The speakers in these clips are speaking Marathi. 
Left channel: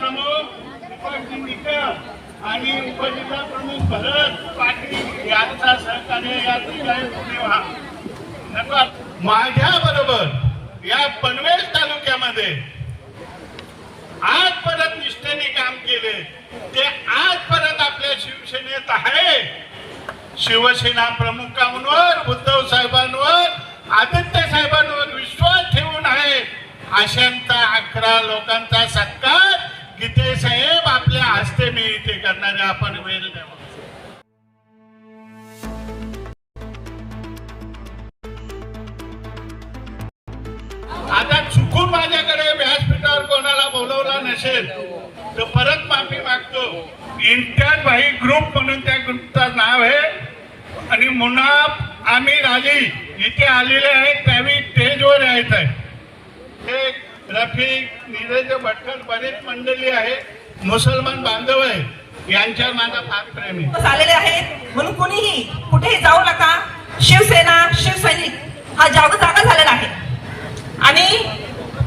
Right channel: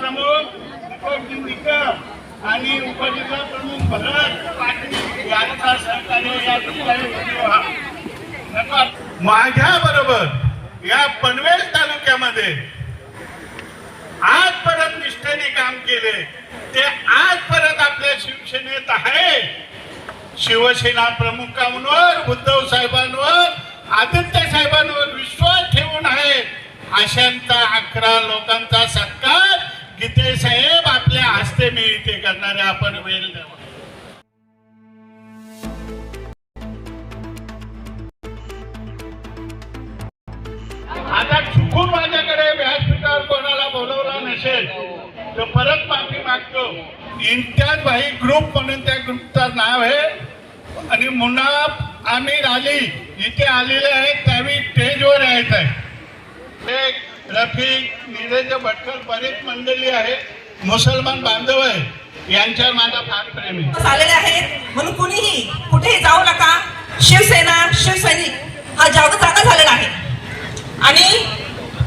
प्रमुख दीपकजी निकम आणि उपजिल्हा प्रमुख भरत पाटील यांचा सहकार्य या ठिकाणी माझ्या बरोबर या पनवेल तालुक्यामध्ये आज परत निष्ठेने काम केले ते आज परत आपल्या शिवसेनेत आहे. शिवसेना प्रमुखांवर उद्धव साहेबांवर आदित्य साहेबांवर विश्वास ठेवून आहे. अशांचा 11 लोकांचा सत्कार गीते साहेब आपल्या हस्ते मी इथे करणारे आपण वेळ द्यावा. आता चुकून माझ्याकडे व्यासपीठावर कोणाला बोलवला नसेल तर परत माफी मागतो. इम्तियाज भाई ग्रुप म्हणून त्या ग्रुपचं नाव आहे आणि मुनाफ आमिर अली इथे आलेले आहेत. त्यावेळी स्टेजवर आहेत रफिक नीरज भटकर बरेच मंडळी आहे. मुसलमान बांधव आहे यांच्यावर माझा फार प्रेम आहे. आलेले आहेत म्हणून कुणीही कुठेही जाऊ नका. शिवसेना शिवसैनिक हा जागा झालेला आहे आणि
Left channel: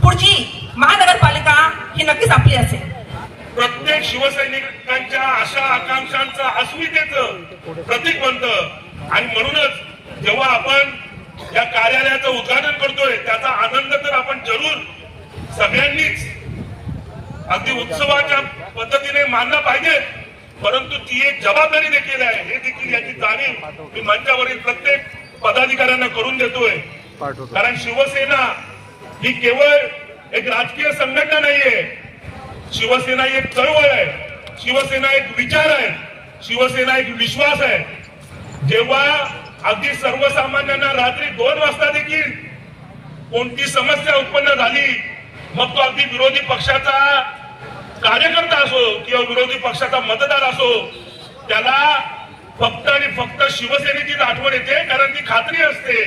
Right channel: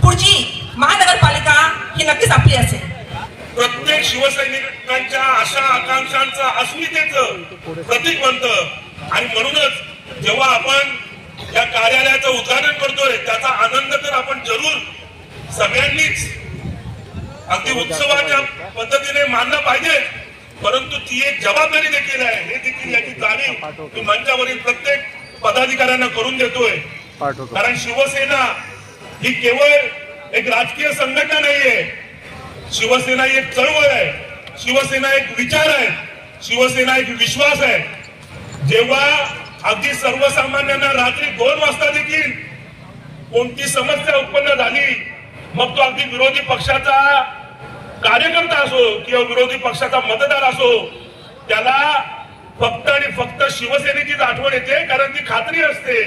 पुढची महानगरपालिका ही नक्कीच आपली असेल. प्रत्येक शिवसैनिकांच्या आशा आकांक्षांचं अस्मितेचं प्रतीक बनतं आणि म्हणूनच जेव्हा आपण या कार्यालयाचं उद्घाटन करतोय त्याचा आनंद तर आपण जरूर सगळ्यांनीच अगदी उत्सवाच्या पद्धतीने मानला पाहिजे. परंतु ती एक जबाबदारी देखील आहे हे देखील याची जाणीव मी मंचावरील प्रत्येक पदाधिकाऱ्यांना करून देतोय. कारण शिवसेना ही केवळ एक राजकीय संघटना नाहीये. शिवसेना ही एक चळवळ आहे. शिवसेना एक विचार आहे. शिवसेना एक विश्वास आहे. जेव्हा अगदी सर्वसामान्यांना रात्री 2 वाजता देखील कोणती समस्या उत्पन्न झाली मग तो अगदी विरोधी पक्षाचा कार्यकर्ता असो किंवा विरोधी पक्षाचा मतदार असो त्याला फक्त आणि फक्त शिवसेनेचीच आठवण येते. कारण ती खात्री असते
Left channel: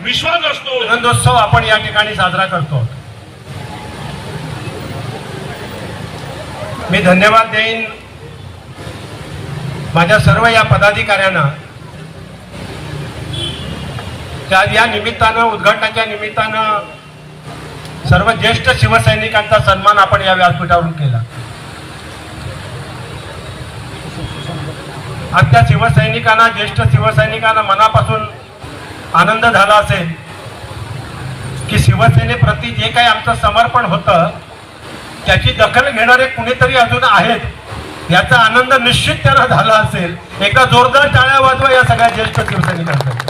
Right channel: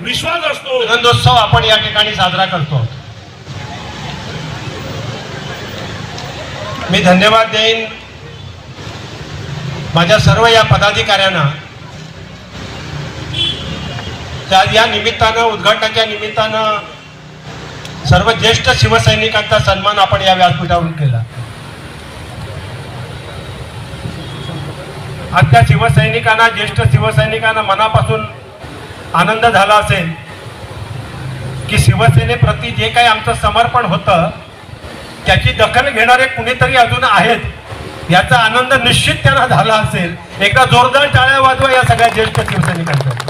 विश्वास असतो. आनंदोत्सव आपण या ठिकाणी साजरा करतो. मी धन्यवाद देईन माझ्या सर्व या पदाधिकाऱ्यांना. त्या या निमित्तानं उद्घाटनाच्या निमित्तानं सर्व ज्येष्ठ शिवसैनिकांचा सन्मान आपण या व्यासपीठावरून केला. आज त्या शिवसैनिकांना ज्येष्ठ शिवसैनिकांना मनापासून आनंद झाला असेल की शिवसेनेप्रती जे काही आमचं समर्पण होतं त्याची दखल घेणारे कुणीतरी अजून आहेत याचा आनंद निश्चित त्यांना झाला असेल. एकदा जोरदार टाळ्या वाजवा या सगळ्या ज्येष्ठ शिवसैनिकांचा.